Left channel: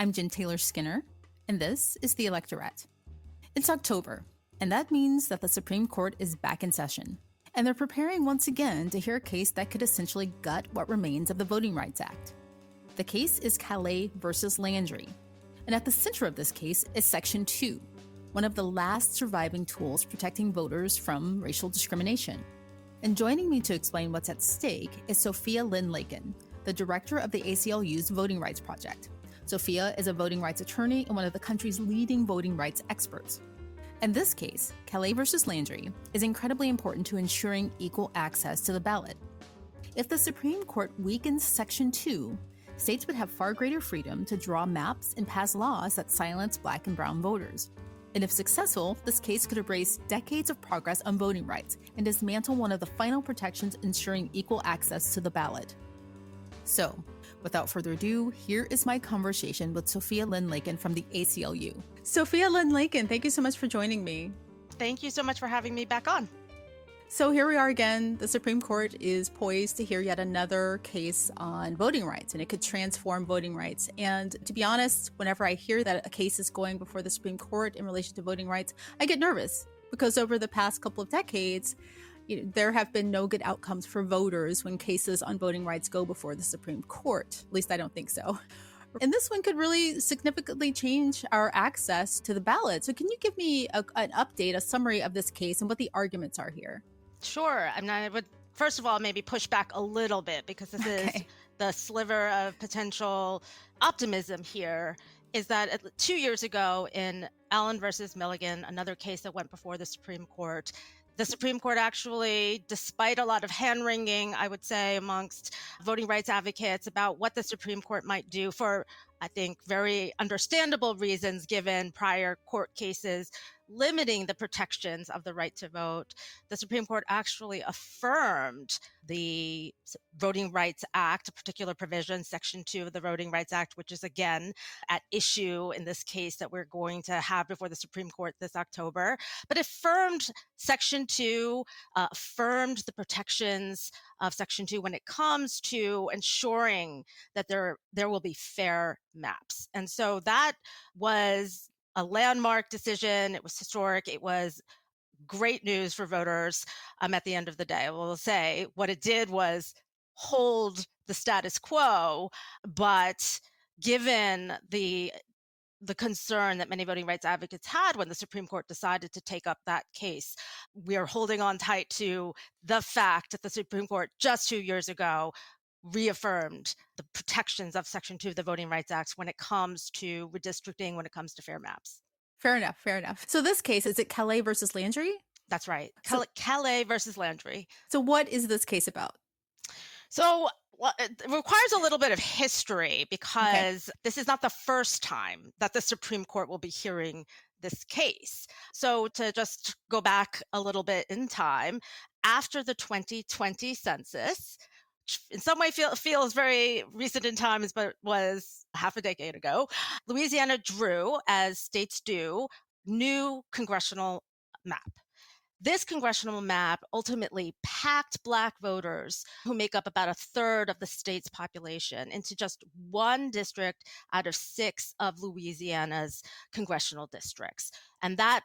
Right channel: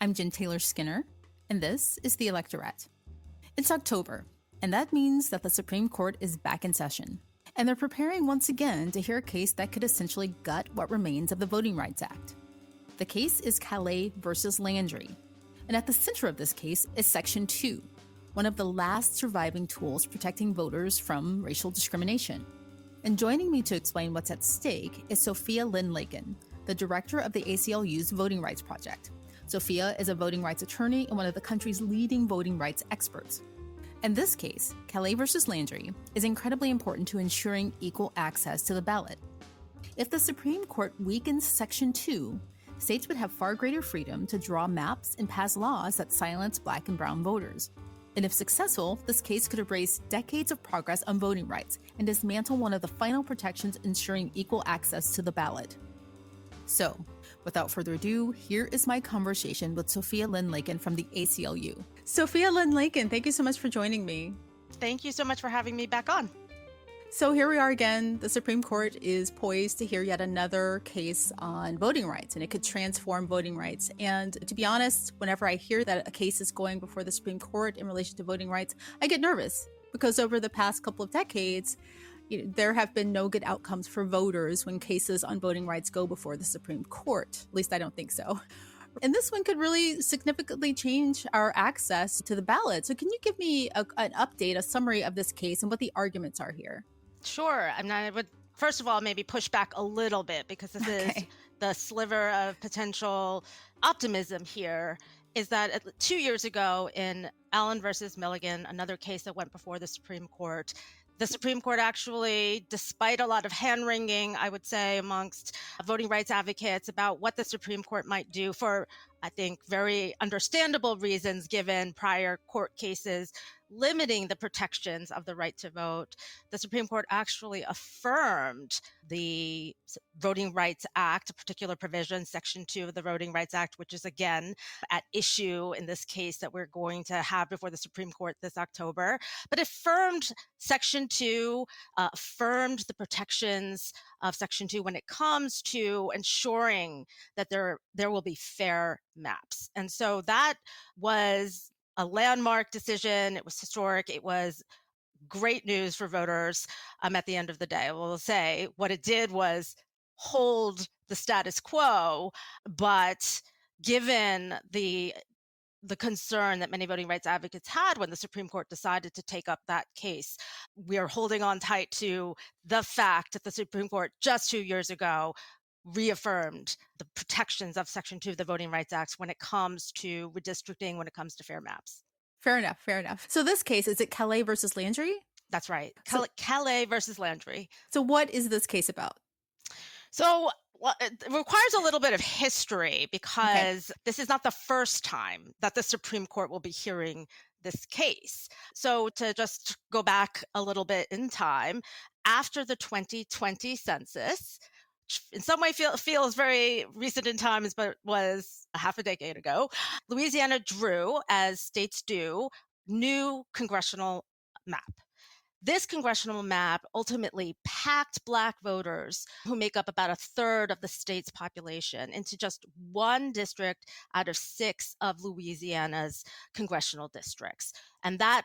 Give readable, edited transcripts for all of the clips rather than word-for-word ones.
I'm Jen Taylor Skinner, and this is the Electorette. It's October, and that means that the Supreme Court is back in session, and they're preparing once again to hear a case that could essentially gut what remains of the Voting Rights Act. The case is Callais versus Landry, and at the center of this case is Section 2, one of the last surviving tools protecting voters from racial discrimination. And joining me to explain what's at stake is Sophia Lakin, the director of the ACLU's Voting Rights Project. Sophia is a voting rights attorney and one of the country's leading voting rights experts. In this case, Callais versus Landry is incredibly important to ensuring equal access to the ballot. If the Supreme Court weakens Section 2, states would have far greater freedom to draw maps and pass laws that silence Black and brown voters. And if successful, this case could erase decades of progress on voting rights and dismantle one of the final protections ensuring equal access to the ballot. So, without further ado, here is my conversation with Sophia Lakin from the ACLU. Sophia Lakin, thank you so much for joining me. Thank you so much for having me back on. So here we are again. The Supreme Court is poised to hear yet another case on voting rights, and it could transform voting rights. And to be honest, whenever I hear that a case is going before the Supreme Court in relation to voting rights, I get nervous because over the past couple of decades, there have been no good outcomes for voters when cases on voting rights go before the Supreme Court. At least I don't think so. And this one could really significantly change our access to the ballot. So can you give me an update, a summary of this case and what the arguments are here? Sure. I mean, I would, first of all, maybe push back a little bit because this is the sliver of potential optimism here. Is that 2 years ago in Allen versus Milligan, another case that went before the Supreme Court, the Supreme Court actually, despite a lot of hand-wringing, I would say, amongst voting rights advocates about what the Supreme Court might do for, I think, very understandable reasons given prior court cases limiting the protections of the right to vote, the Supreme Court actually affirmed the Voting Rights Act, a particular provision, Section 2 of the Voting Rights Act, which is again at issue in this case that we're going to have before the Supreme Court this October. But affirmed Section 2, affirmed the protections of Section 2 when it comes to ensuring that there will be fair maps. And so that was a landmark decision. It was historic. It was great news for voters at the end of the day. I will say what it did was hold the status quo, but given the concern that many voting rights advocates had when the Supreme Court decided to take up that case, we are holding on tight to the fact that the Supreme Court just 2 years ago reaffirmed the protections of Section 2 of the Voting Rights Act when it comes to redistricting, when it comes to fair maps. Fair enough. So this case, is it Callais versus Landry? That's right. Callais versus Landry. So what is this case about? So it requires a little bit of history because this is not the first time that the Supreme Court will be hearing this case. So to just go back a little bit in time, after the 2020 census, in some way feels very recent in times, but was half a decade ago, Louisiana drew, as states do, new congressional map. This congressional map ultimately packed Black voters, who make up about a third of the state's population, into just one district out of 6 of Louisiana's congressional districts. And that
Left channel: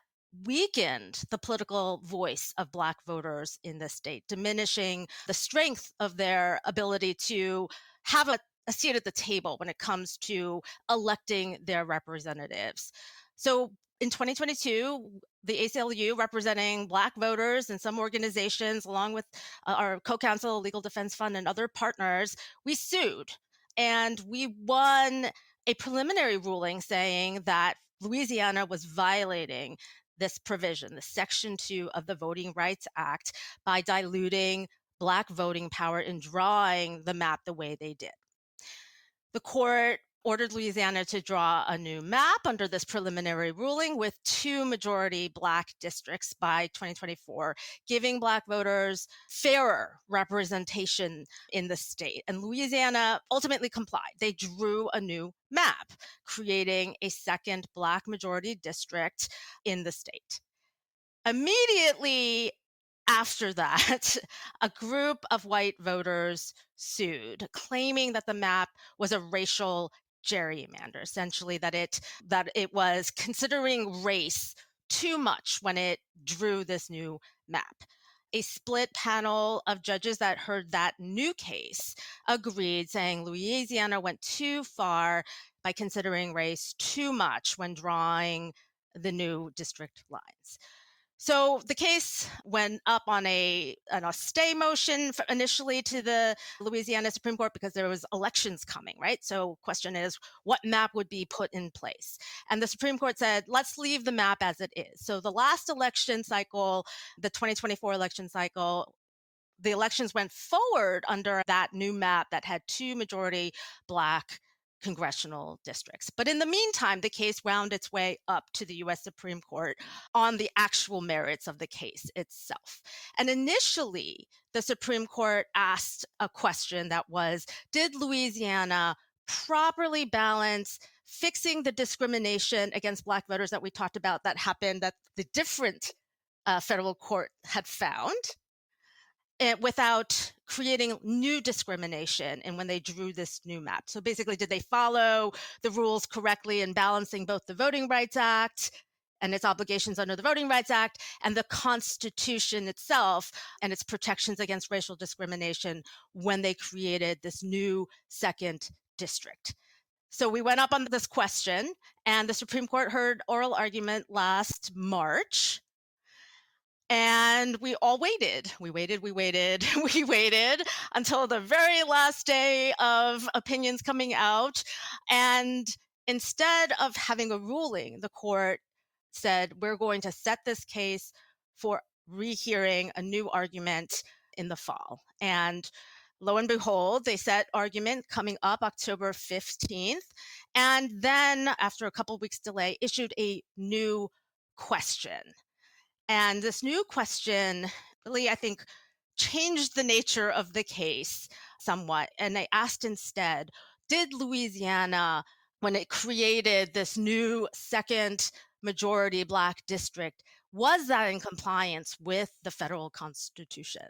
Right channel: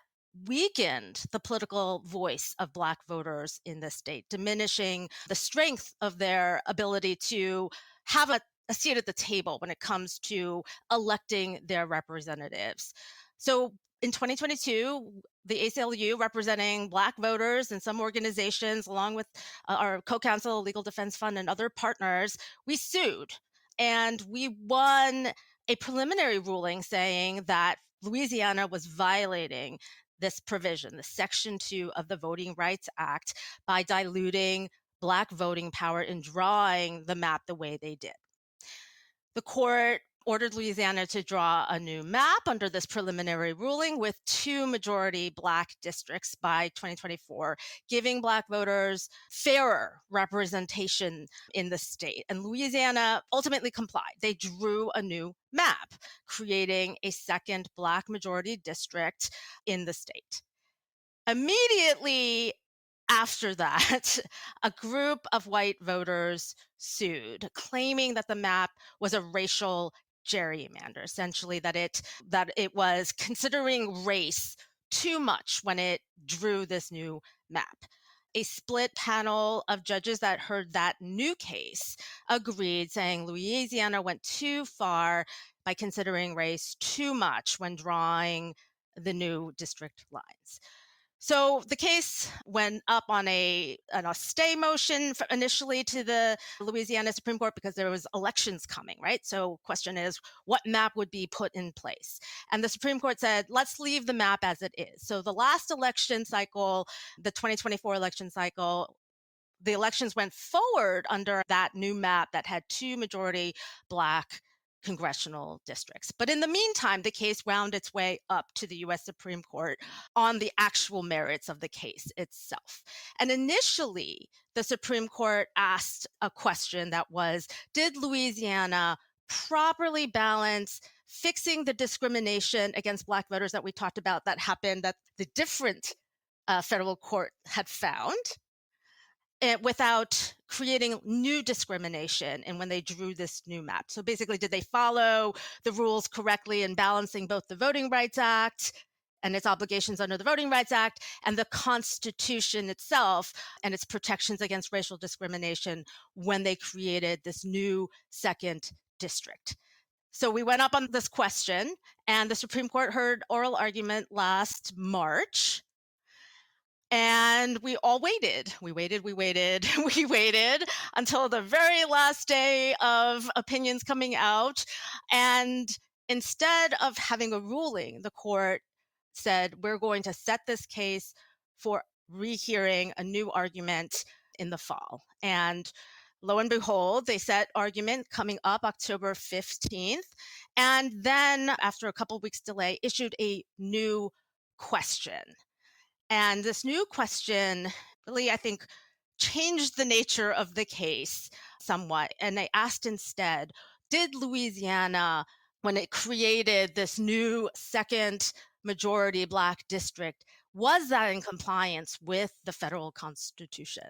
weakened the political voice of Black voters in the state, diminishing the strength of their ability to have a seat at the table when it comes to electing their representatives. So in 2022, the ACLU, representing Black voters and some organizations, along with our co-counsel, Legal Defense Fund, and other partners, we sued. And we won a preliminary ruling saying that Louisiana was violating this provision, the Section 2 of the Voting Rights Act, by diluting Black voting power in drawing the map the way they did. The court ordered Louisiana to draw a new map under this preliminary ruling with 2 majority Black districts by 2024, giving Black voters fairer representation in the state. And Louisiana ultimately complied. They drew a new map, creating a second Black majority district in the state. Immediately after that, a group of white voters sued, claiming that the map was a racial gerrymander, essentially that it was considering race too much when it drew this new map. A split panel of judges that heard that new case agreed, saying Louisiana went too far by considering race too much when drawing the new district lines. So the case went up on a stay motion initially to the Louisiana Supreme Court because there was elections coming, right? So question is, what map would be put in place? And the Supreme Court said, let's leave the map as it is. So the last election cycle, the 2024 election cycle, the elections went forward under that new map that had two majority Black congressional districts. But in the meantime, the case wound its way up to the US Supreme Court on the actual merits of the case itself. And initially, the Supreme Court asked a question that was, did Louisiana properly balance fixing the discrimination against Black voters that we talked about that happened that the different federal court had found, without creating new discrimination and when they drew this new map? So basically, did they follow the rules correctly in balancing both the Voting Rights Act and its obligations under the Voting Rights Act and the Constitution itself and its protections against racial discrimination when they created this new second district? So we went up on this question, and the Supreme Court heard oral argument last March. And we all waited. We waited, we waited, we waited until the very last day of opinions coming out. And instead of having a ruling, the court said, we're going to set this case for rehearing a new argument in the fall. And lo and behold, they set argument coming up October 15th. And then, after a couple weeks delay, issued a new question. And this new question really, I think, changed the nature of the case somewhat. And they asked instead, did Louisiana, when it created this new second majority Black district, was that in compliance with the federal Constitution?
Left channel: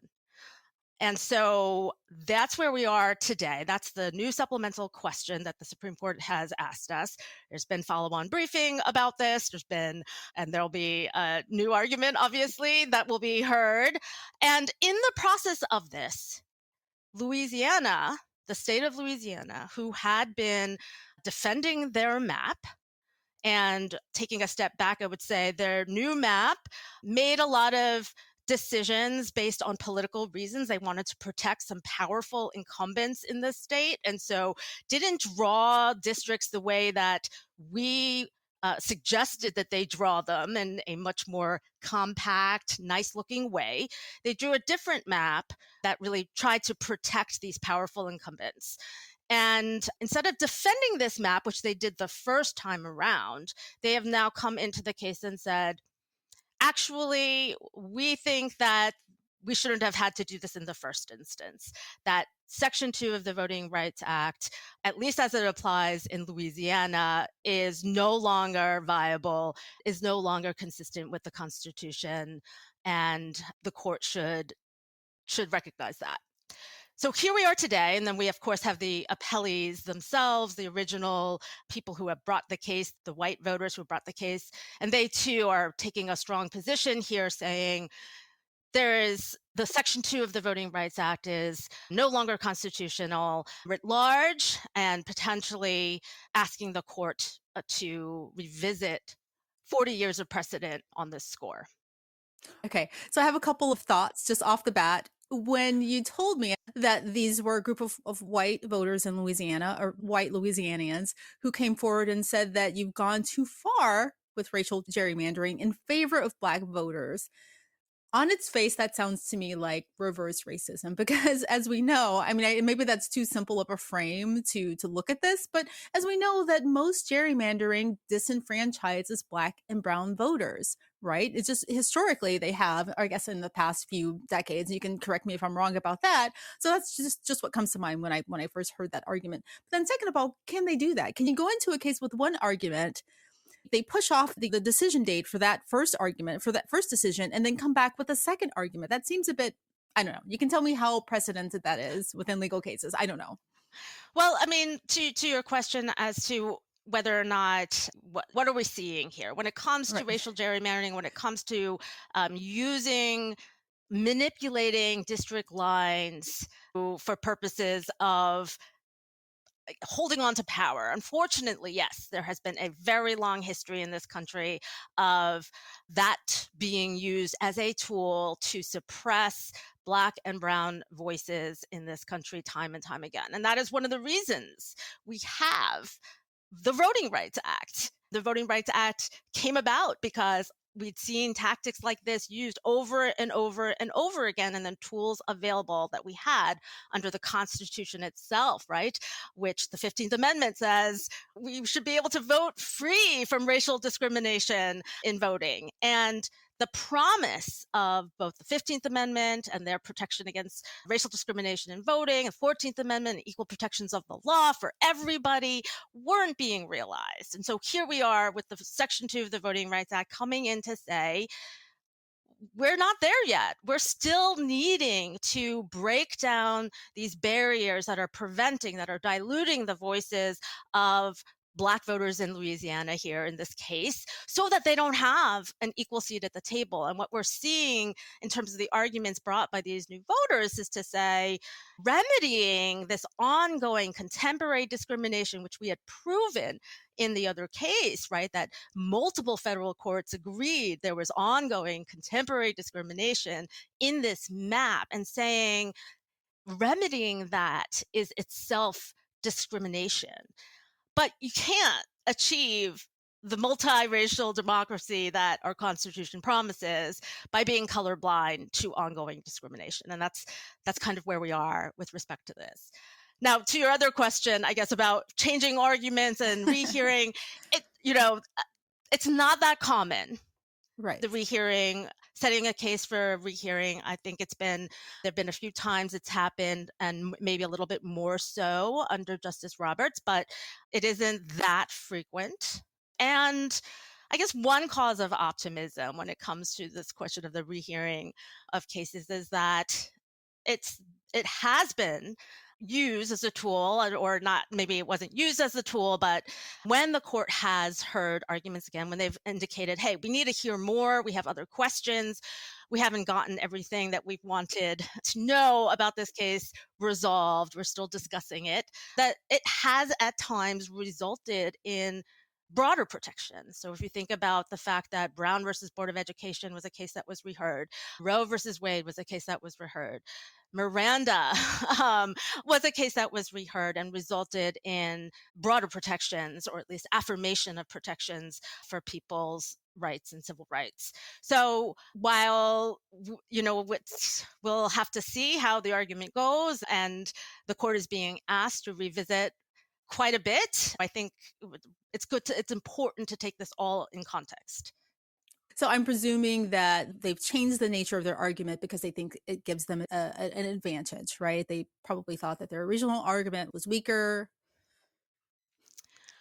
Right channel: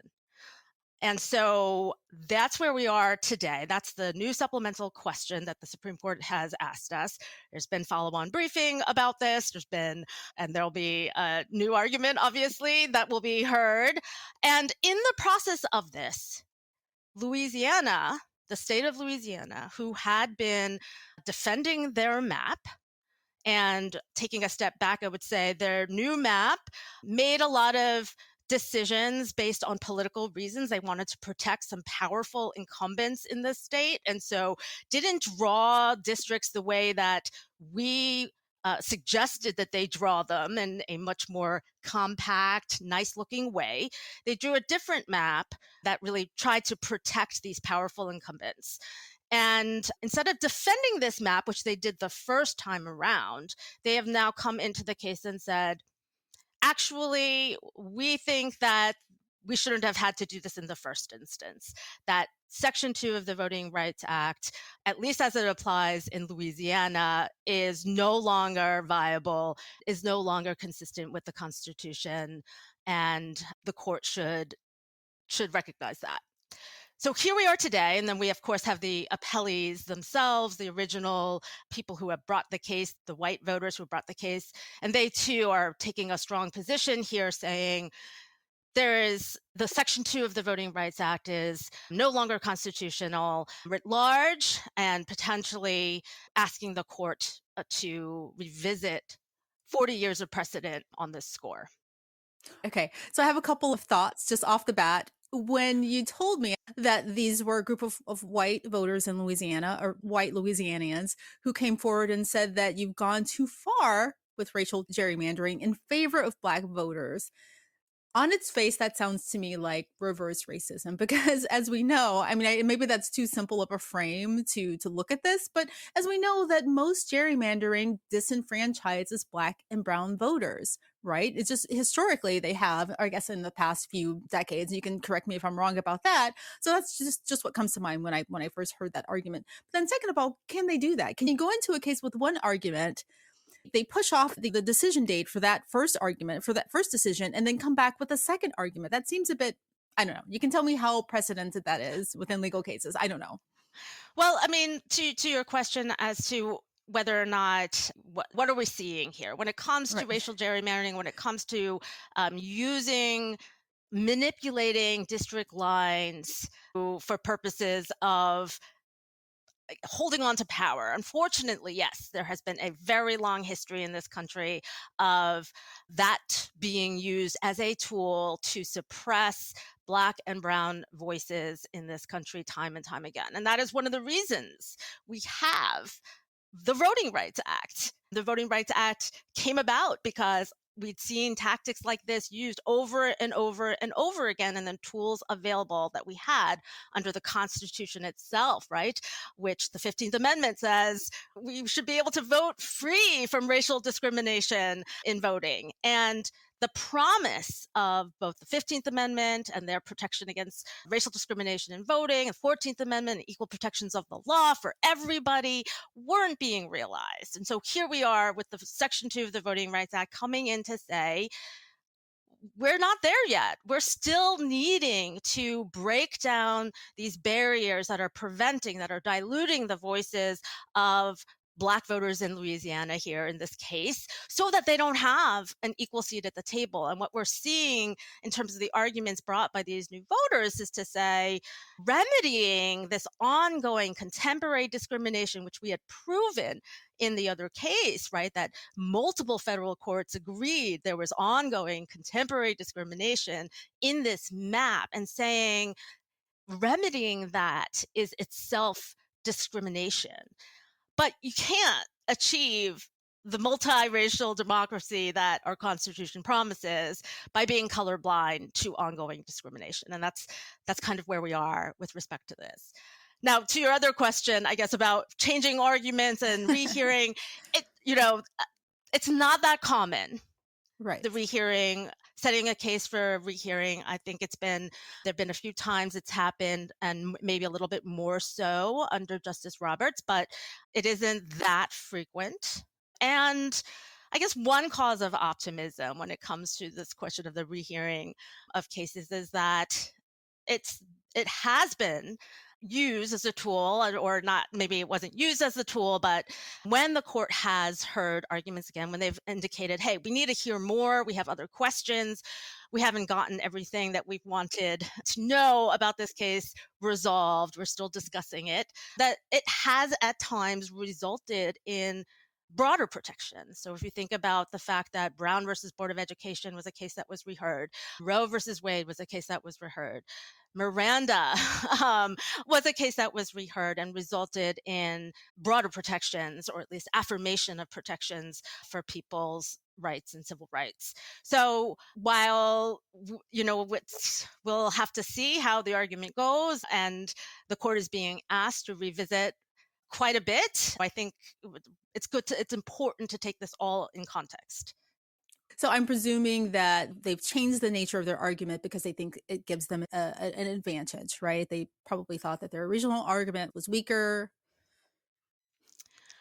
And so that's where we are today. That's the new supplemental question that the Supreme Court has asked us. There's been follow-on briefing about this. And there'll be a new argument, obviously, that will be heard. And in the process of this, Louisiana, the state of Louisiana, who had been defending their map and taking a step back, I would say their new map made a lot of decisions based on political reasons. They wanted to protect some powerful incumbents in the state, and so didn't draw districts the way that we suggested that they draw them in a much more compact, nice-looking way. They drew a different map that really tried to protect these powerful incumbents. And instead of defending this map, which they did the first time around, they have now come into the case and said, actually, we think that we shouldn't have had to do this in the first instance, that Section 2 of the Voting Rights Act, at least as it applies in Louisiana, is no longer viable, is no longer consistent with the Constitution, and the court should recognize that. So here we are today, and then we, of course, have the appellees themselves, the original people who have brought the case, the white voters who brought the case, and they too are taking a strong position here, saying there is the Section 2 of the Voting Rights Act is no longer constitutional writ large, and potentially asking the court to revisit 40 years of precedent on this score. Okay, so I have a couple of thoughts just off the bat. When you told me that these were a group of white voters in Louisiana, or white Louisianians, who came forward and said that you've gone too far with racial gerrymandering in favor of Black voters, on its face, that sounds to me like reverse racism, because as we know, I mean, maybe that's too simple of a frame to look at this, but as we know that most gerrymandering disenfranchises Black and brown voters, right? It's just historically they have, I guess in the past few decades, you can correct me if I'm wrong about that. So that's just what comes to mind when I first heard that argument. But then second of all, can they do that? Can you go into a case with one argument, they push off the decision date for that first argument, for that first decision, and then come back with a second argument? That seems a bit, I don't know. You can tell me how precedented that is within legal cases. I don't know. Well, I mean, to your question as to whether or not what are we seeing here when it comes to Right. racial gerrymandering, when it comes to using manipulating district lines for purposes of holding on to power. Unfortunately, yes, there has been a very long history in this country of that being used as a tool to suppress Black and Brown voices in this country time and time again. And that is one of the reasons we have the Voting Rights Act. The Voting Rights Act came about because we'd seen tactics like this used over and over and over again, and then tools available that we had under the Constitution itself, right? Which the 15th Amendment says we should be able to vote free from racial discrimination in voting. And the promise of both the 15th Amendment and their protection against racial discrimination in voting, the 14th Amendment, and equal protections of the law for everybody weren't being realized. And so here we are with the Section 2 of the Voting Rights Act coming in to say, we're not there yet. We're still needing to break down these barriers that are preventing, that are diluting the voices of Black voters in Louisiana here in this case, so that they don't have an equal seat at the table. And what we're seeing in terms of the arguments brought by these new voters is to say, remedying this ongoing contemporary discrimination, which we had proven in the other case, right, that multiple federal courts agreed there was ongoing contemporary discrimination in this map, and saying remedying that is itself discrimination. But you can't achieve the multiracial democracy that our Constitution promises by being colorblind to ongoing discrimination. And that's kind of where we are with respect to this. Now, to your other question, I guess, about changing arguments and rehearing, it's not that common. Right. The rehearing, setting a case for rehearing, I think there've been a few times it's happened, and maybe a little bit more so under Justice Roberts, but it isn't that frequent. And I guess one cause of optimism when it comes to this question of the rehearing of cases is that it has been used as a tool, or not, maybe it wasn't used as a tool, but when the court has heard arguments again, when they've indicated, hey, we need to hear more, we have other questions, we haven't gotten everything that we wanted to know about this case resolved, we're still discussing it, that it has at times resulted in broader protections. So if you think about the fact that Brown versus Board of Education was a case that was reheard, Roe versus Wade was a case that was reheard, Miranda was a case that was reheard and resulted in broader protections, or at least affirmation of protections for people's rights and civil rights. So while, we'll have to see how the argument goes, and the court is being asked to revisit quite a bit, I think it's important to take this all in context. So I'm presuming that they've changed the nature of their argument because they think it gives them an advantage, right? They probably thought that their original argument was weaker.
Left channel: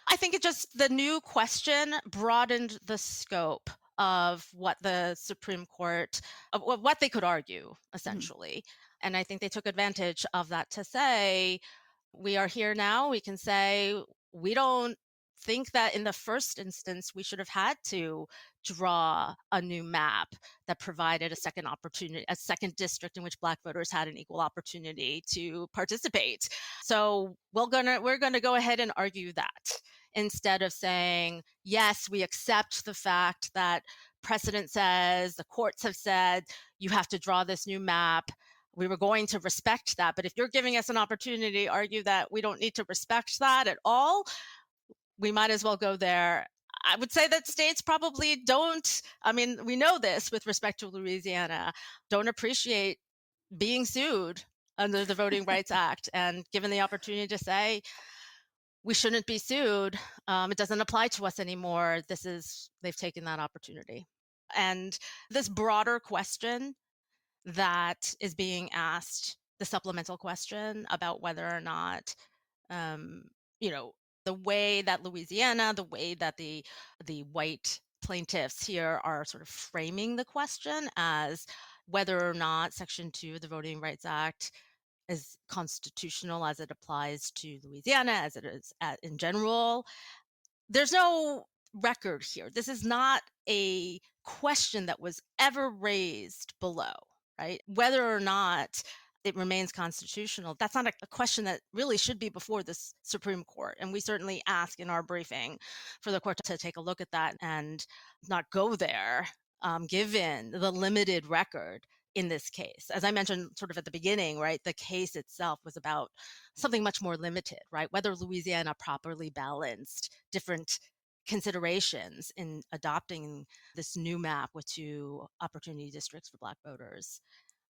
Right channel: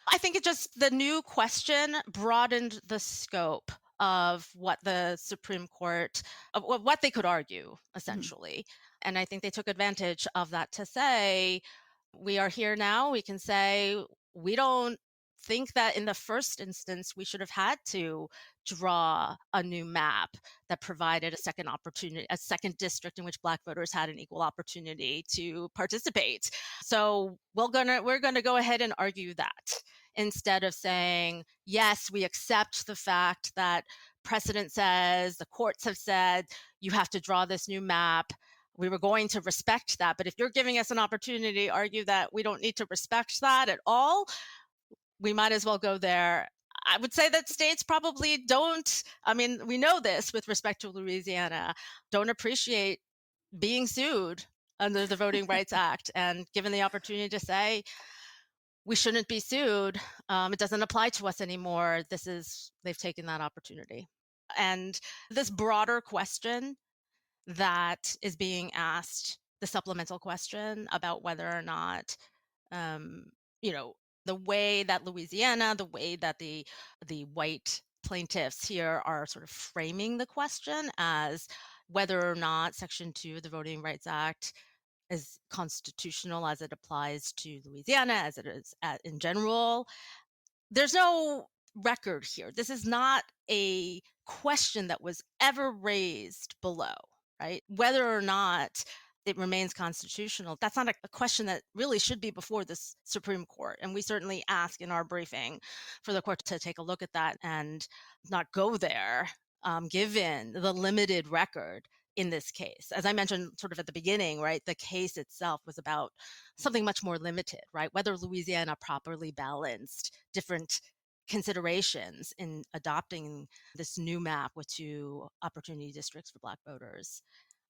I think the new question broadened the scope of what the Supreme Court, of what they could argue, essentially. And I think they took advantage of that to say, we are here now. We can say, we don't think that in the first instance we should have had to draw a new map that provided a second opportunity, a second district in which Black voters had an equal opportunity to participate. So we're gonna go ahead and argue that, instead of saying, yes, we accept the fact that precedent says, the courts have said, you have to draw this new map. We were going to respect that. But if you're giving us an opportunity to argue that we don't need to respect that at all, we might as well go there. I would say that states probably don't, I mean, we know this with respect to Louisiana, don't appreciate being sued under the Voting Rights Act, and given the opportunity to say, we shouldn't be sued, it doesn't apply to us anymore, they've taken that opportunity. And this broader question that is being asked, the supplemental question about whether or not, the way that Louisiana, the way that the white plaintiffs here are sort of framing the question as whether or not Section 2 of the Voting Rights Act is constitutional as it applies to Louisiana, as it is in general. There's no record here. This is not a question that was ever raised below, right? Whether or not it remains constitutional, that's not a question that really should be before this Supreme Court. And we certainly ask in our briefing for the court to take a look at that and not go there, given the limited record in this case. As I mentioned sort of at the beginning, right, the case itself was about something much more limited, right? Whether Louisiana properly balanced different considerations in adopting this new map with 2 opportunity districts for Black voters.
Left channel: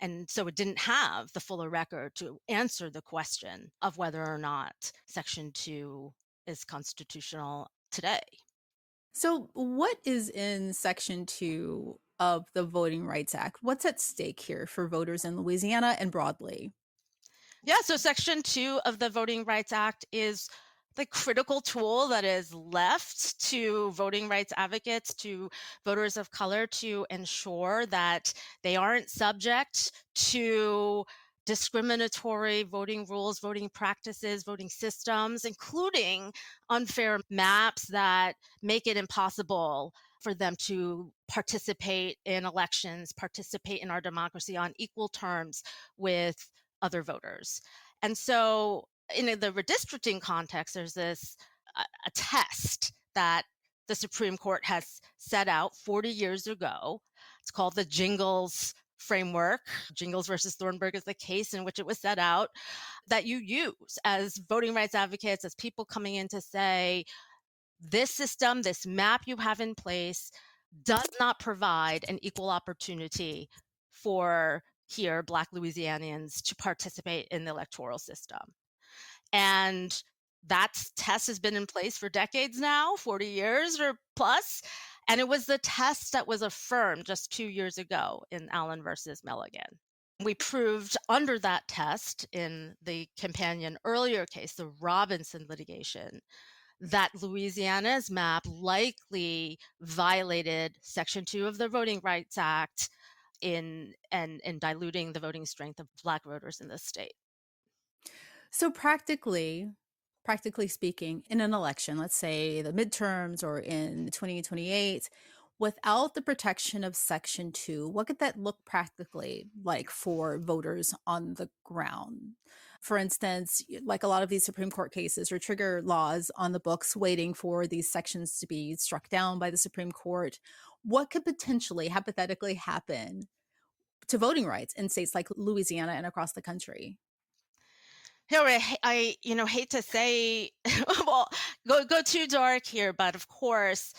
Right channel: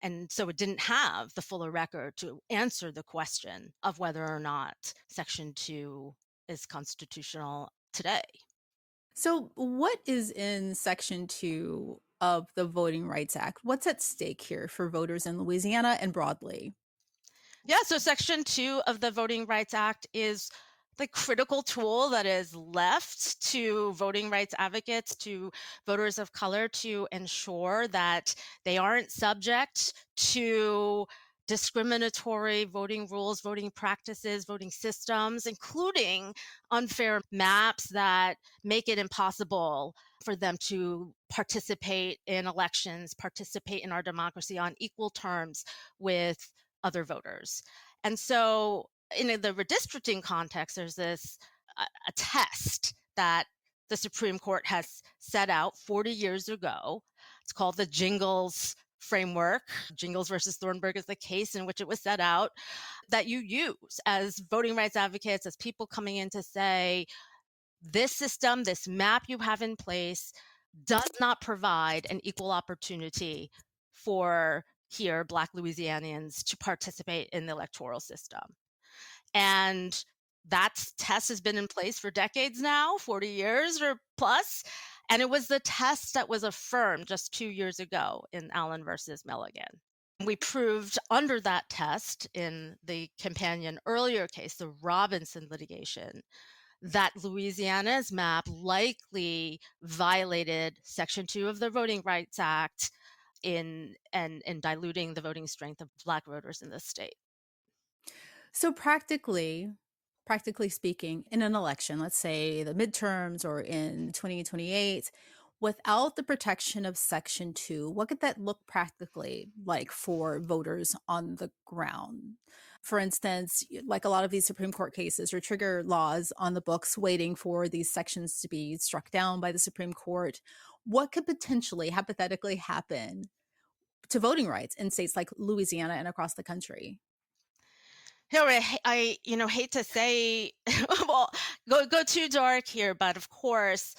And so it didn't have the fuller record to answer the question of whether or not Section 2 is constitutional today. So, what is in Section 2 of the Voting Rights Act? What's at stake here for voters in Louisiana and broadly? Yeah, so Section 2 of the Voting Rights Act is the critical tool that is left to voting rights advocates, to voters of color, to ensure that they aren't subject to discriminatory voting rules, voting practices, voting systems, including unfair maps that make it impossible for them to participate in elections, participate in our democracy on equal terms with other voters. And so in the redistricting context, there's this a test that the Supreme Court has set out 40 years ago. It's called the Jingles framework. Jingles versus Thornburg is the case in which it was set out, that you use as voting rights advocates, as people coming in to say, this system, this map you have in place does not provide an equal opportunity for here Black Louisianians to participate in the electoral system. And that test has been in place for decades now, 40 years or plus. And it was the test that was affirmed just 2 years ago in Allen versus Milligan. We proved under that test in the companion earlier case, the Robinson litigation, that Louisiana's map likely violated Section 2 of the Voting Rights Act in diluting the voting strength of Black voters in the state. So, practically speaking, in an election, let's say the midterms or in 2028, without the protection of Section 2, what could that look practically like for voters on the ground? For instance, like a lot of these Supreme Court cases or trigger laws on the books waiting for these sections to be struck down by the Supreme Court, what could potentially, hypothetically happen to voting rights in states like Louisiana and across the country? I hate to say, well, go too dark here, but of course,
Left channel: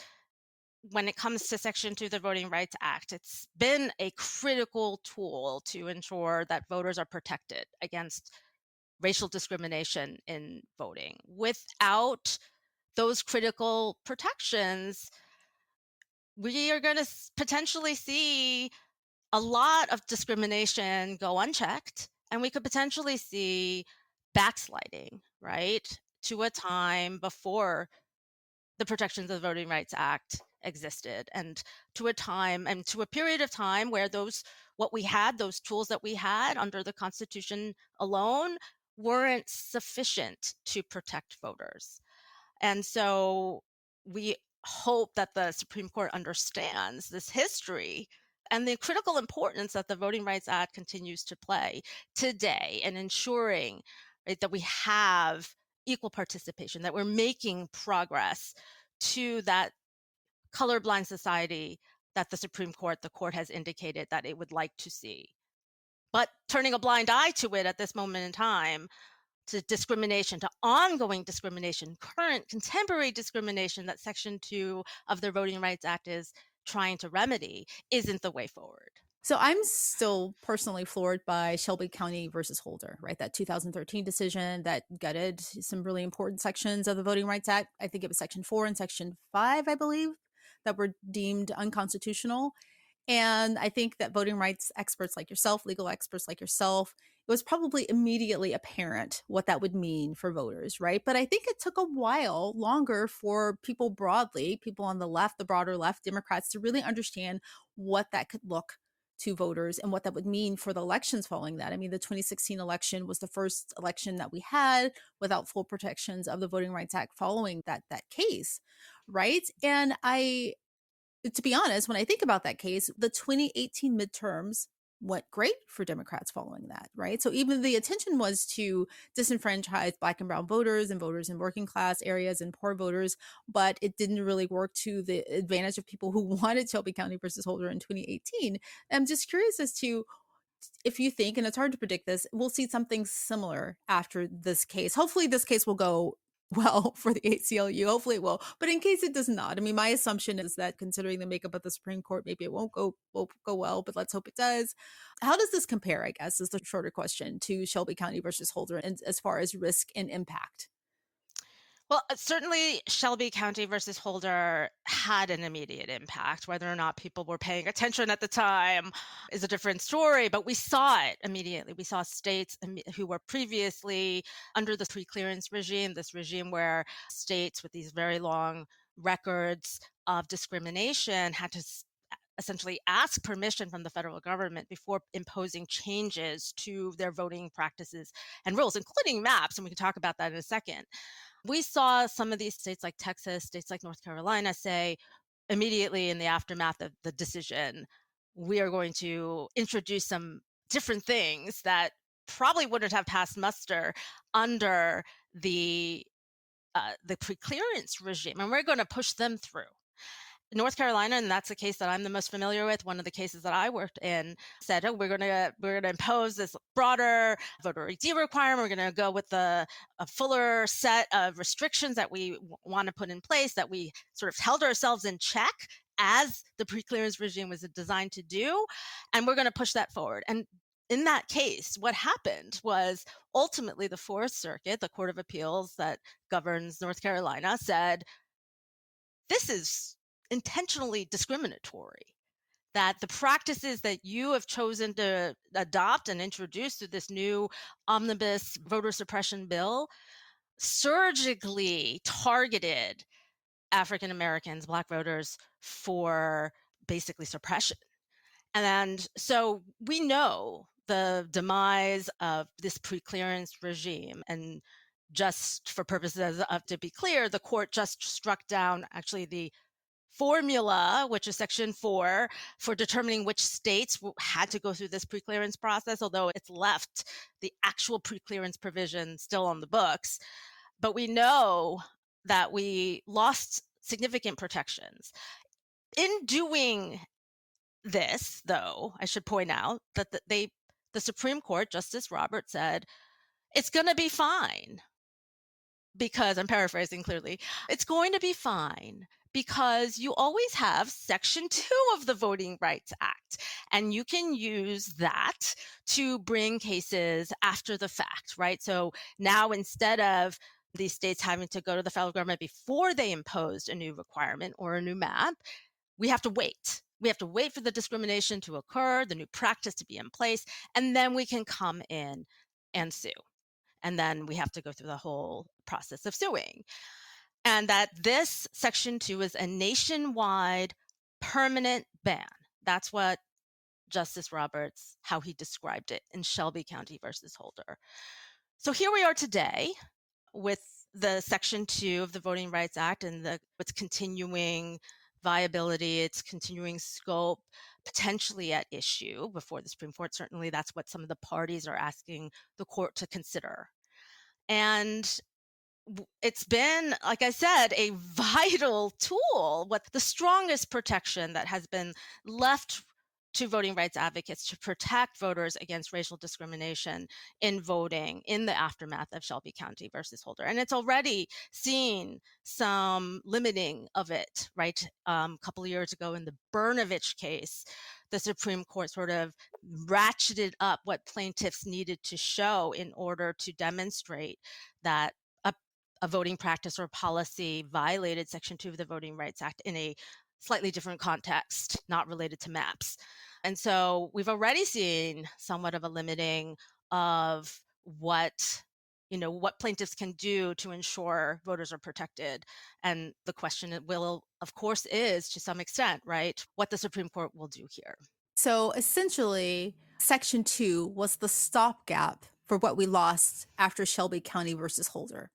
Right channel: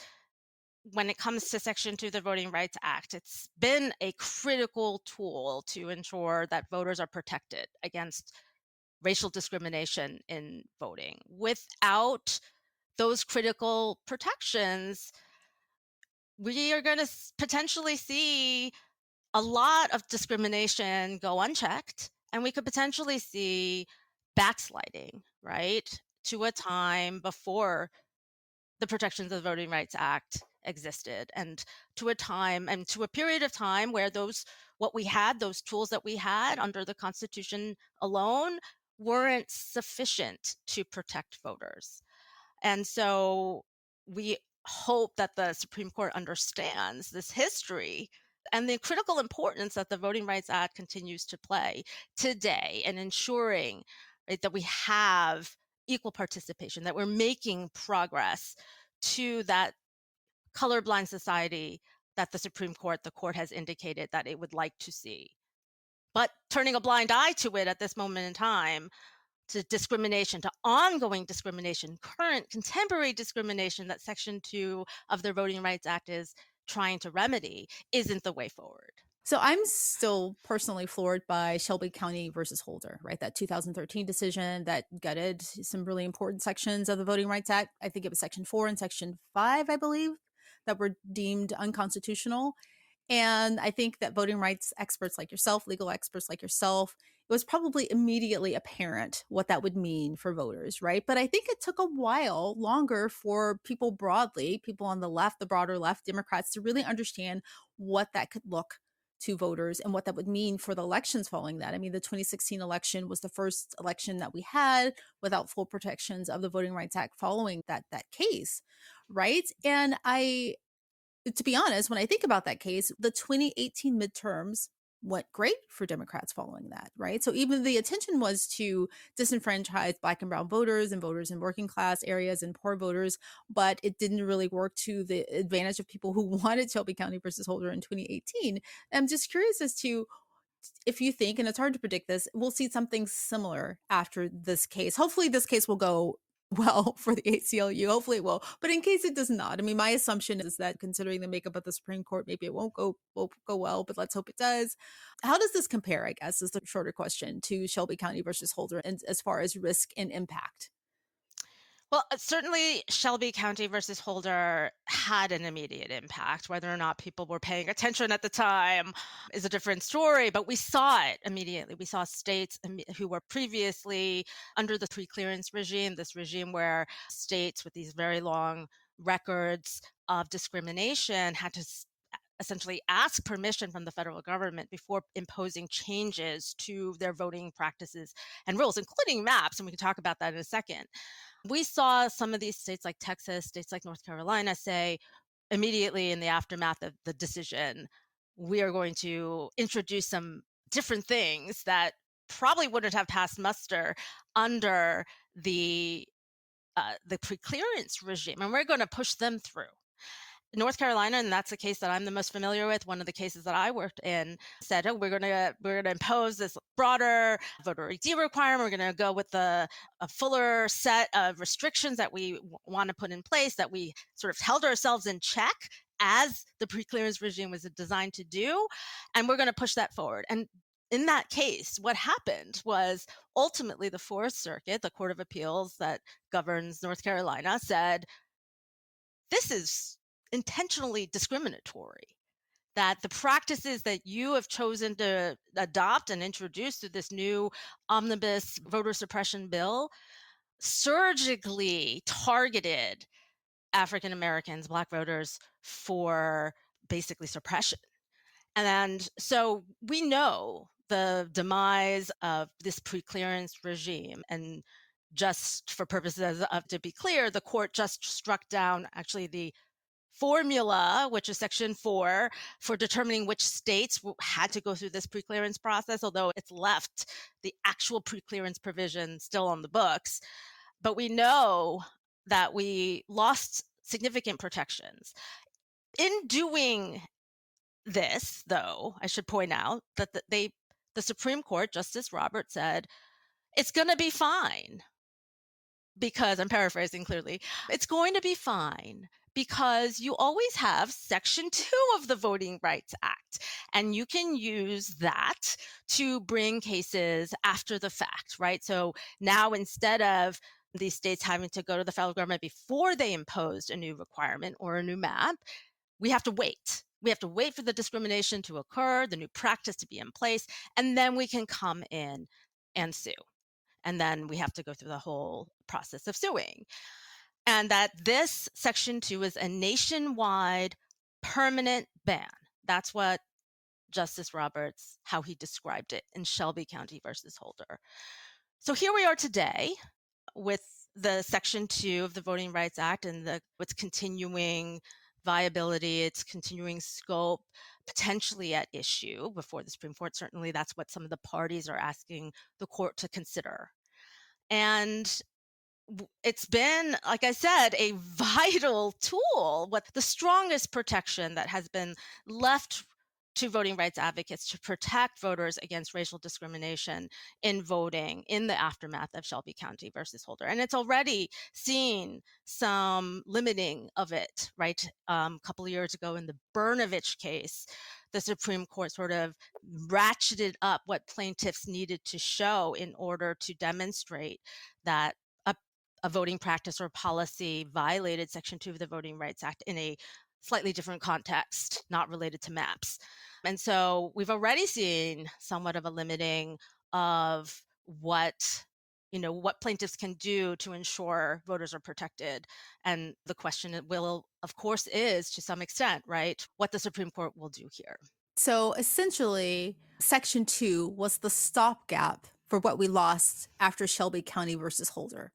when it comes to Section 2 of the Voting Rights Act, it's been a critical tool to ensure that voters are protected against racial discrimination in voting. Without those critical protections, we are going to potentially see a lot of discrimination go unchecked, and we could potentially see backsliding, right, to a time before the protections of the Voting Rights Act existed, and to a time and to a period of time where those tools that we had under the Constitution alone weren't sufficient to protect voters. And so we hope that the Supreme Court understands this history and the critical importance that the Voting Rights Act continues to play today in ensuring, right, that we have equal participation, that we're making progress to that colorblind society that the Supreme Court, the court, has indicated that it would like to see. But turning a blind eye to it at this moment in time, to discrimination, to ongoing discrimination, current contemporary discrimination that Section 2 of the Voting Rights Act is trying to remedy, isn't the way forward. So I'm still personally floored by Shelby County versus Holder, right? That 2013 decision that gutted some really important sections of the Voting Rights Act. I think it was Section 4 and Section 5, I believe, that were deemed unconstitutional. And I think that voting rights experts like yourself, legal experts like yourself, it was probably immediately apparent what that would mean for voters, right? But I think it took a while longer for people broadly, people on the left, the broader left, Democrats, to really understand what that could look to voters and what that would mean for the elections following that. I mean, the 2016 election was the first election that we had without full protections of the Voting Rights Act following that case, right? And to be honest, when I think about that case, the 2018 midterms went great for Democrats following that, right? So even the intention was to disenfranchise Black and brown voters and voters in working class areas and poor voters, but it didn't really work to the advantage of people who wanted Shelby County versus Holder in 2018. I'm just curious as to if you think, and it's hard to predict this, we'll see something similar after this case. Hopefully, this case will go well for the ACLU. Hopefully, it will. But in case it does not, I mean, my assumption is that considering the makeup of the Supreme Court, maybe it won't go well. But let's hope it does. How does this compare? I guess is the shorter question to Shelby County versus Holder, and as far as risk and impact. Well, certainly Shelby County versus Holder had an immediate impact. Whether or not people were paying attention at the time is a different story, but we saw it immediately. We saw states who were previously under the pre-clearance regime, this regime where states with these very long records of discrimination had to essentially ask permission from the federal government before imposing changes to their voting practices and rules, including maps. And we can talk about that in a second. We saw some of these states like Texas, states like North Carolina say immediately in the aftermath of the decision, we are going to introduce some different things that probably wouldn't have passed muster under the pre-clearance regime, and we're going to push them through. North Carolina, and that's the case that I'm the most familiar with, one of the cases that I worked in, said, oh, we're gonna impose this broader voter ID requirement. We're gonna go with a fuller set of restrictions that we want to put in place, that we sort of held ourselves in check as the pre-clearance regime was designed to do, and we're gonna push that forward. And in that case, what happened was ultimately the Fourth Circuit, the Court of Appeals that governs North Carolina, said, this is intentionally discriminatory, that the practices that you have chosen to adopt and introduce through this new omnibus voter suppression bill surgically targeted African Americans, Black voters, for basically suppression. And so we know the demise of this pre-clearance regime. And just for purposes of, to be clear, the court just struck down actually the formula, which is Section 4, for determining which states had to go through this pre-clearance process, although it's left the actual pre-clearance provision still on the books. But we know that we lost significant protections. In doing this, though, I should point out that the Supreme Court, Justice Roberts said, it's going to be fine. Because I'm paraphrasing clearly, it's going to be fine because you always have Section 2 of the Voting Rights Act, and you can use that to bring cases after the fact, right? So now instead of these states having to go to the federal government before they imposed a new requirement or a new map, we have to wait. We have to wait for the discrimination to occur, the new practice to be in place, and then we can come in and sue. And then we have to go through the whole process of suing. And that this Section 2 is a nationwide permanent ban. That's what Justice Roberts, how he described it in Shelby County versus Holder. So here we are today with the Section 2 of the Voting Rights Act and its continuing viability, its continuing scope, potentially at issue before the Supreme Court. Certainly that's what some of the parties are asking the court to consider. And it's been, like I said, a vital tool, with the strongest protection that has been left to voting rights advocates to protect voters against racial discrimination in voting in the aftermath of Shelby County versus Holder. And it's already seen some limiting of it, right? A couple of years ago in the Brnovich case, the Supreme Court sort of ratcheted up what plaintiffs needed to show in order to demonstrate that a voting practice or policy violated Section 2 of the Voting Rights Act in a slightly different context, not related to maps. And so we've already seen somewhat of a limiting of what plaintiffs can do to ensure voters are protected. And the question will, of course, is to some extent, right, what the Supreme Court will do here. So essentially, Section 2 was the stopgap for what we lost after Shelby County versus Holder,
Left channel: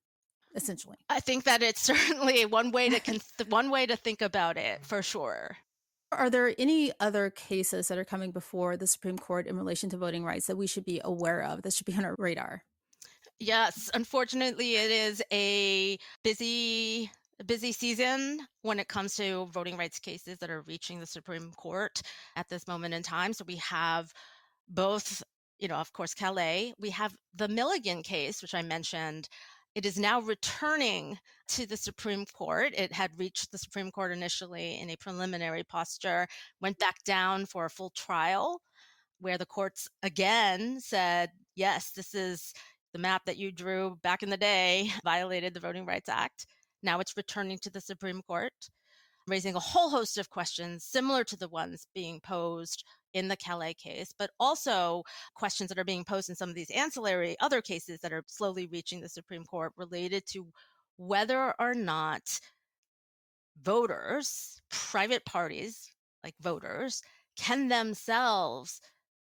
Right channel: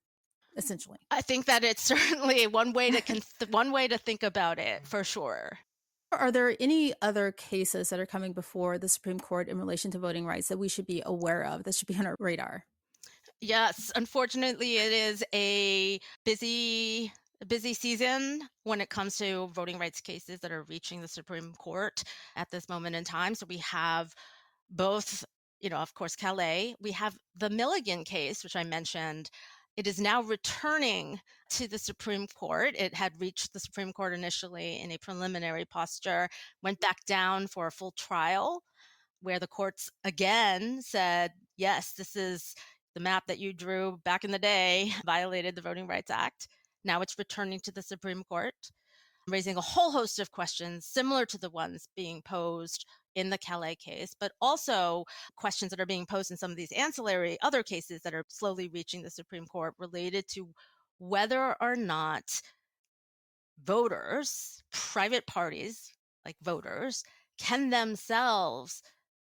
essentially. I think that it's certainly one way to think about it, for sure. Are there any other cases that are coming before the Supreme Court in relation to voting rights that we should be aware of, that should be on our radar? Yes, unfortunately, it is a busy season when it comes to voting rights cases that are reaching the Supreme Court at this moment in time. So we have both, of course, Calais. We have the Milligan case, which I mentioned. It is now returning to the Supreme Court. It had reached the Supreme Court initially in a preliminary posture, went back down for a full trial, where the courts again said, yes, this is the map that you drew back in the day, violated the Voting Rights Act. Now it's returning to the Supreme Court, raising a whole host of questions similar to the ones being posed in the Calais case, but also questions that are being posed in some of these ancillary other cases that are slowly reaching the Supreme Court related to whether or not voters, private parties like voters, can themselves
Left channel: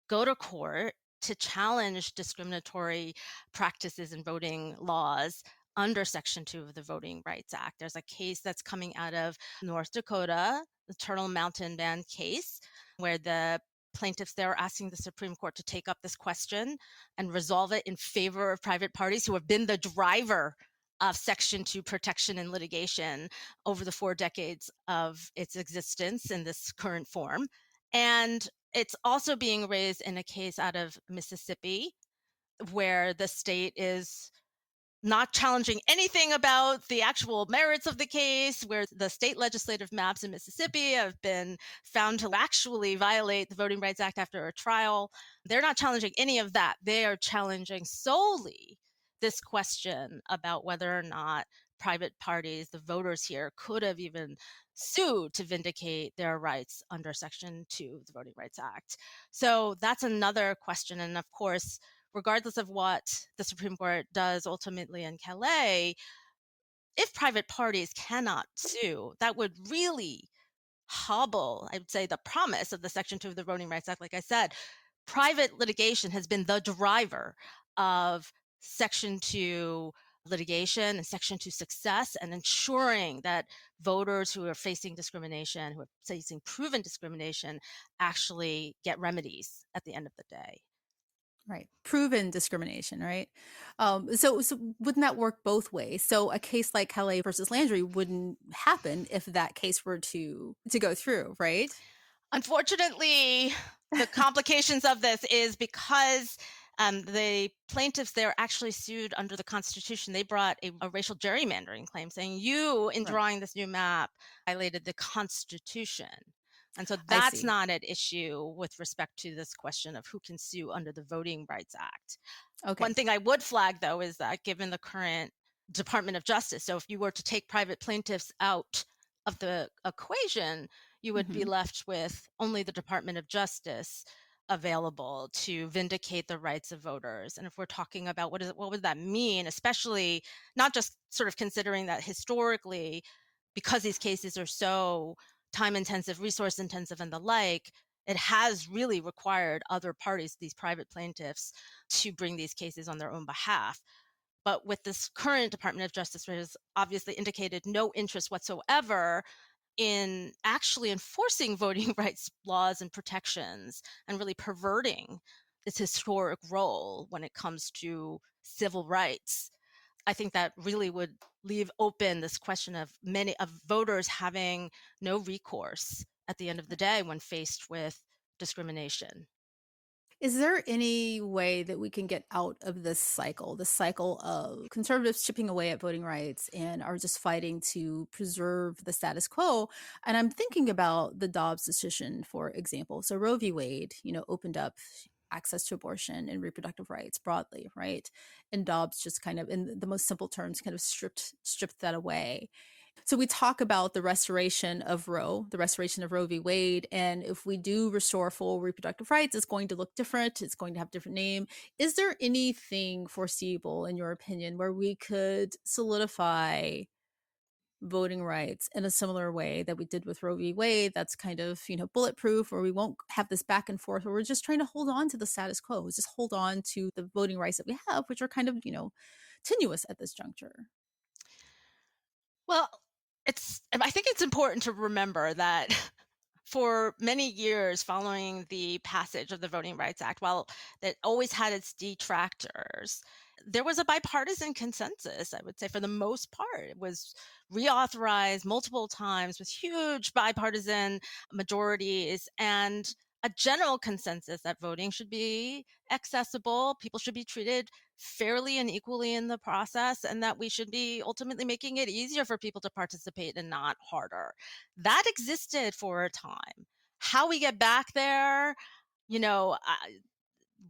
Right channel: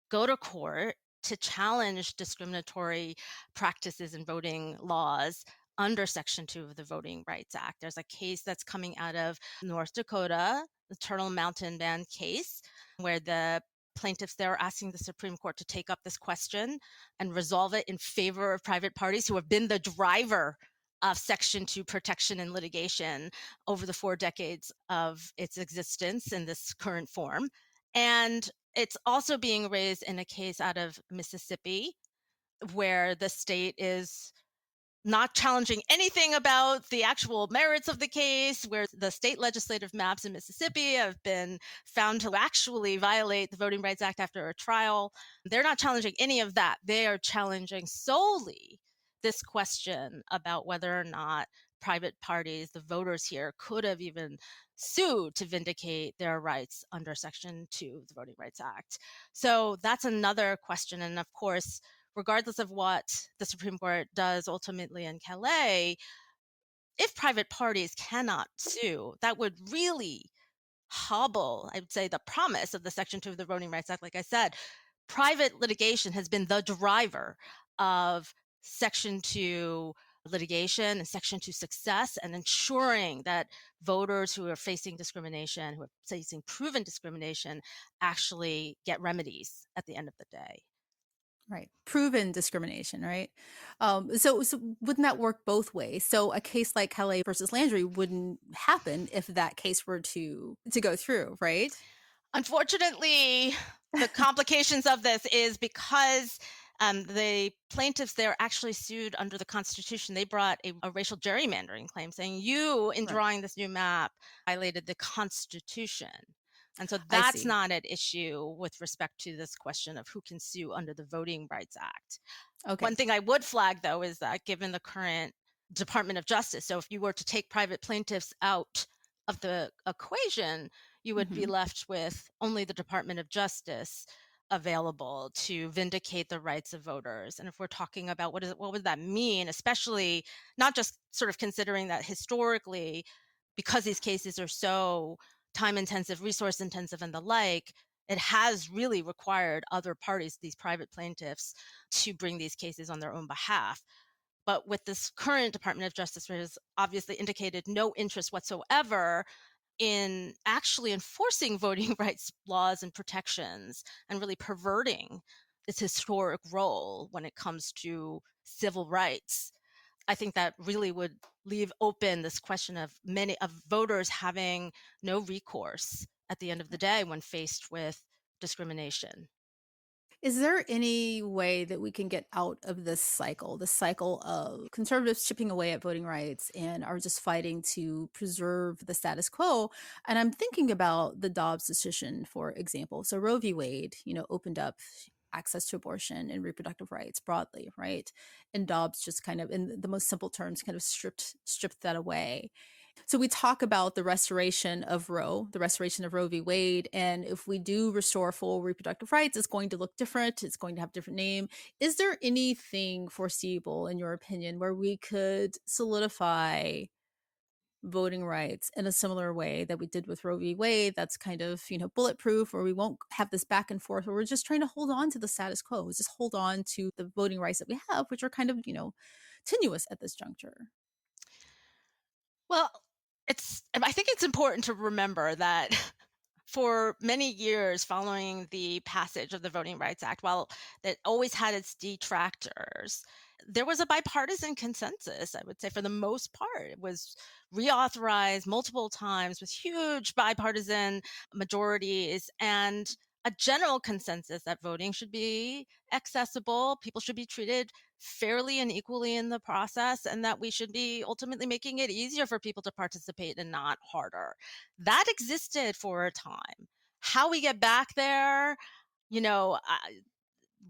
go to court to challenge discriminatory practices in voting laws under Section 2 of the Voting Rights Act. There's a case that's coming out of North Dakota, the Turtle Mountain Band case, where the plaintiffs there are asking the Supreme Court to take up this question and resolve it in favor of private parties who have been the driver of Section 2 protection and litigation over the 4 decades of its existence in this current form. And it's also being raised in a case out of Mississippi, where the state is not challenging anything about the actual merits of the case, where the state legislative maps in Mississippi have been found to actually violate the Voting Rights Act after a trial. They're not challenging any of that. They are challenging solely this question about whether or not private parties, the voters here, could have even sued to vindicate their rights under Section 2 of the Voting Rights Act. So that's another question. And of course, regardless of what the Supreme Court does ultimately in Calais, if private parties cannot sue, that would really hobble, I'd say, the promise of the Section 2 of the Voting Rights Act. Like I said, private litigation has been the driver of Section 2 litigation and Section 2 success, and ensuring that voters who are facing discrimination, who are facing proven discrimination, actually get remedies at the end of the day. Right. Proven discrimination, right? So wouldn't that work both ways? So a case like Calais versus Landry wouldn't happen if that case were to go through, right? Unfortunately, the complications of this is because the plaintiffs there actually sued under the Constitution. They brought a racial gerrymandering claim saying you, in Right. drawing this new map, violated the Constitution. And so I that's see. not at issue with respect to this question of who can sue under the Voting Rights Act. One Okay. thing I would flag, though, is that given the current Department of Justice, so if you were to take private plaintiffs out of the equation, you would be Hmm. left with only the Department of Justice available to vindicate the rights of voters. And if we're talking about what would that mean, especially not just sort of considering that historically, because these cases are so time intensive, resource intensive, and the like, it has really required other parties, these private plaintiffs, to bring these cases on their own behalf. But with this current Department of Justice, which has obviously indicated no interest whatsoever in actually enforcing voting rights laws and protections, and really perverting this historic role when it comes to civil rights, I think that really would leave open this question of many of voters having no recourse at the end of the day when faced with discrimination. Is there any way that we can get out of this cycle of conservatives chipping away at voting rights and are just fighting to preserve the status quo? And I'm thinking about the Dobbs decision, for example. So Roe v. Wade, opened up access to abortion and reproductive rights broadly, right? And Dobbs just kind of, in the most simple terms, kind of stripped that away. So we talk about the restoration of Roe, the restoration of Roe v. Wade, and if we do restore full reproductive rights, it's going to look different. It's going to have a different name. Is there anything foreseeable, in your opinion, where we could solidify voting rights in a similar way that we did with Roe v. Wade. That's kind of, bulletproof, or we won't have this back and forth where we're just trying to hold on to the status quo, just hold on to the voting rights that we have, which are kind of, tenuous at this juncture. Well, I think it's important to remember that for many years following the passage of the Voting Rights Act, while it always had its detractors, there was a bipartisan consensus, I would say, for the most part. It was reauthorized multiple times with huge bipartisan majorities and a general consensus that voting should be accessible, people should be treated fairly and equally in the process, and that we should be ultimately making it easier for people to participate and not harder. That existed for a time. How we get back there, you know,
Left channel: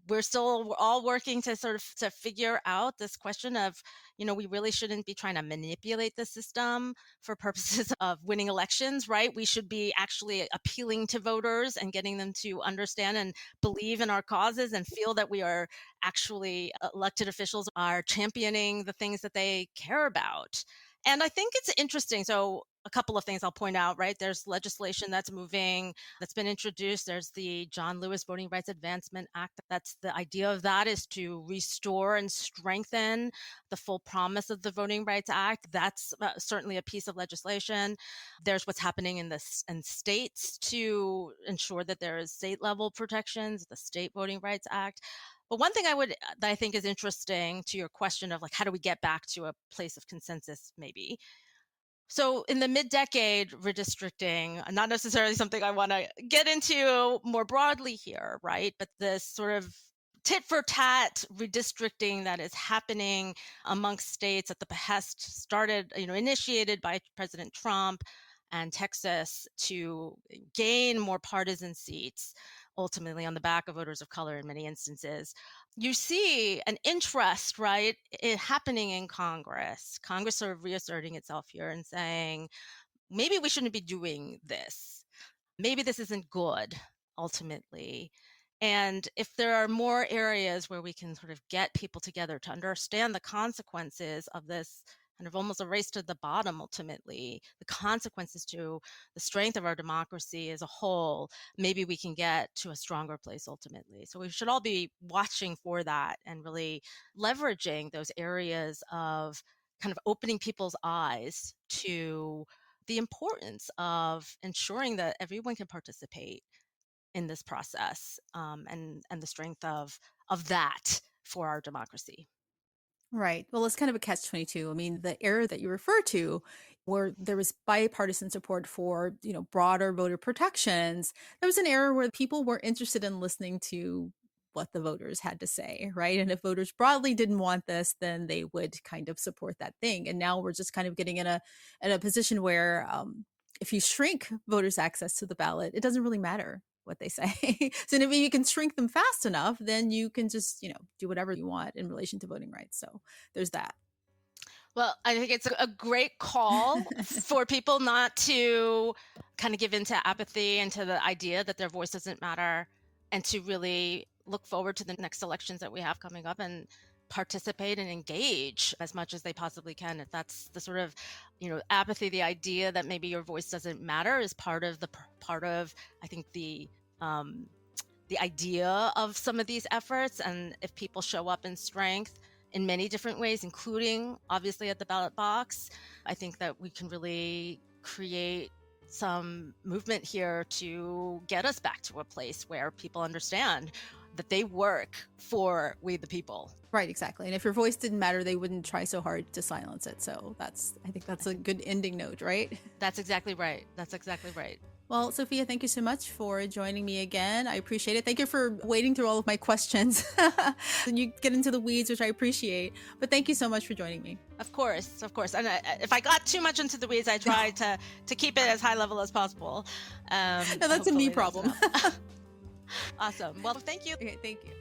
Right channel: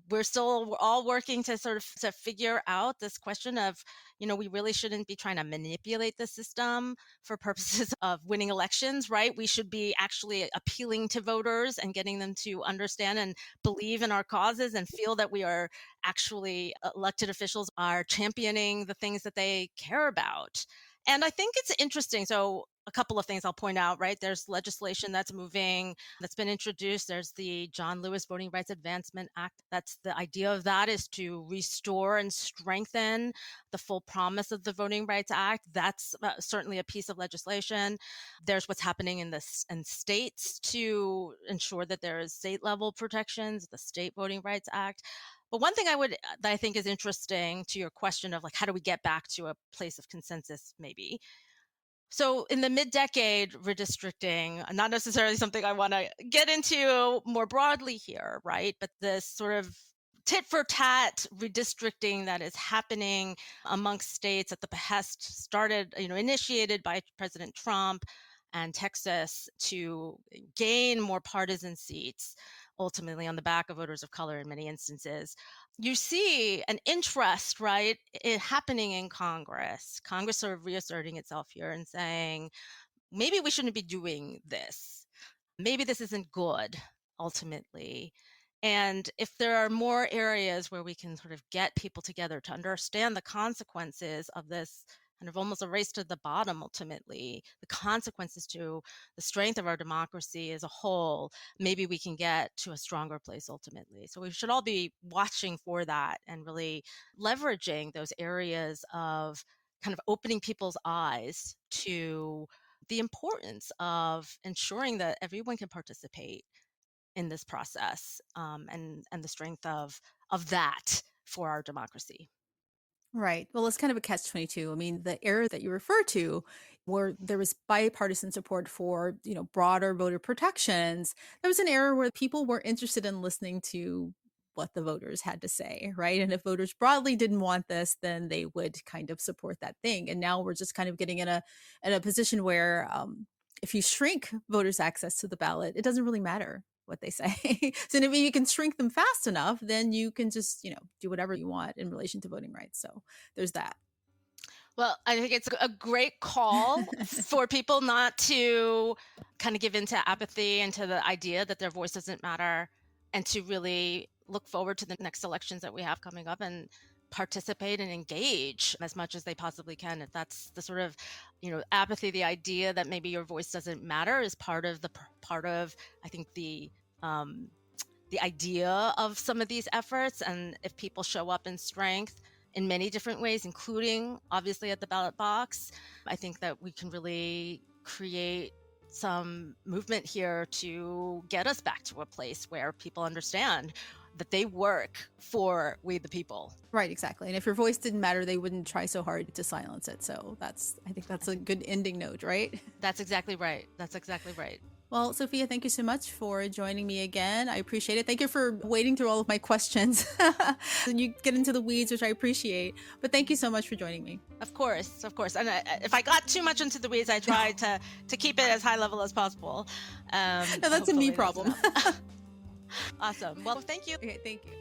we're still all working to sort of to figure out this question of, we really shouldn't be trying to manipulate the system for purposes of winning elections, right? We should be actually appealing to voters and getting them to understand and believe in our causes and feel that we are actually elected officials are championing the things that they care about. And I think it's interesting. So, a couple of things I'll point out, right? There's legislation that's moving, that's been introduced. There's the John Lewis Voting Rights Advancement Act. That's the idea of that is to restore and strengthen the full promise of the Voting Rights Act. That's certainly a piece of legislation. There's what's happening in states to ensure that there is state level protections, the State Voting Rights Act. But one thing that I think is interesting to your question of like, how do we get back to a place of consensus, maybe? So in the mid-decade redistricting, not necessarily something I want to get into more broadly here, right? But this sort of tit for tat redistricting that is happening amongst states at the behest initiated by President Trump and Texas to gain more partisan seats, ultimately on the back of voters of color in many instances. You see an interest, right, happening in Congress. Congress sort of reasserting itself here and saying, maybe we shouldn't be doing this. Maybe this isn't good, ultimately. And if there are more areas where we can sort of get people together to understand the consequences of this kind of almost a race to the bottom, ultimately, the consequences to the strength of our democracy as a whole, maybe we can get to a stronger place ultimately. So we should all be watching for that and really leveraging those areas of kind of opening people's eyes to the importance of ensuring that everyone can participate in this process, and the strength of that for our democracy. Right. Well, it's kind of a catch-22. I mean, the era that you refer to, where there was bipartisan support for, broader voter protections, there was an era where people were interested in listening to what the voters had to say, right? And if voters broadly didn't want this, then they would kind of support that thing. And now we're just kind of getting in a position where if you shrink voters' access to the ballot, it doesn't really matter what they say. So if you can shrink them fast enough, then you can just, do whatever you want in relation to voting rights. So there's that. Well, I think it's a great call for people not to kind of give into apathy and to the idea that their voice doesn't matter, and to really look forward to the next elections that we have coming up and participate and engage as much as they possibly can. If that's the sort of, apathy, the idea that maybe your voice doesn't matter is part of I think the idea of some of these efforts. And if people show up in strength in many different ways, including obviously at the ballot box, I think that we can really create some movement here to get us back to a place where people understand that they work for we the people. Right, exactly. And if your voice didn't matter, they wouldn't try so hard to silence it. So I think that's a good ending note, right? That's exactly right. That's exactly right. Well, Sophia, thank you so much for joining me again. I appreciate it. Thank you for wading through all of my questions. You get into the weeds, which I appreciate. But thank you so much for joining me. Of course, of course. And if I got too much into the weeds, I try to keep it as high level as possible. No, that's a me problem. Awesome. Well, thank you. Okay, thank you.